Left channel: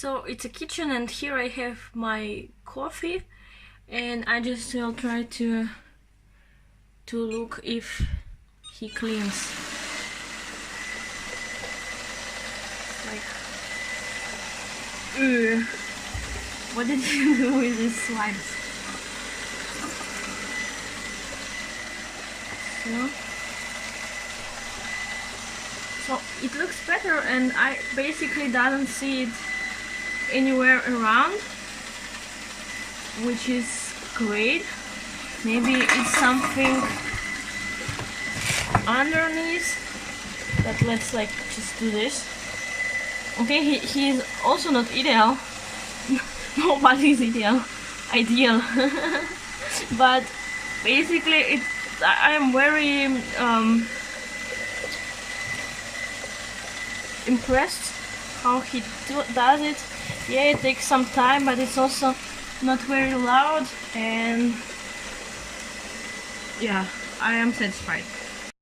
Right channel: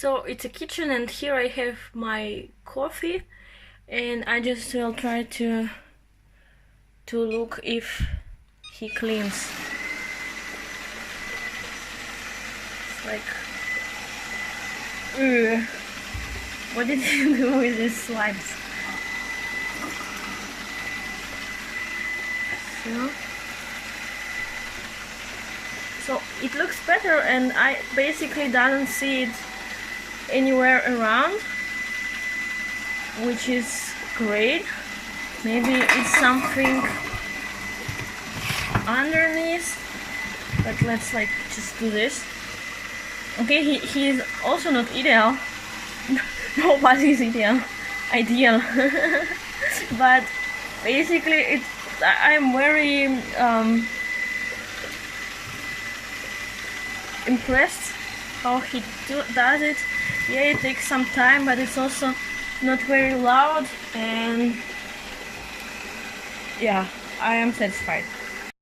So it's a kitchen, and here I have my coffee, and I just will try to look if he cleans. It's like, what did you do with these slimes? Yeah. So it looks better, and I basically don't see it anywhere around, which is great. Maybe it's something underneath, but let's like just do this. Okay, he is also not ideal. Nobody is ideal. But basically I am very impressed how he does it. Yeah, it takes some time, but it's also not very loud, and yeah, I am satisfied.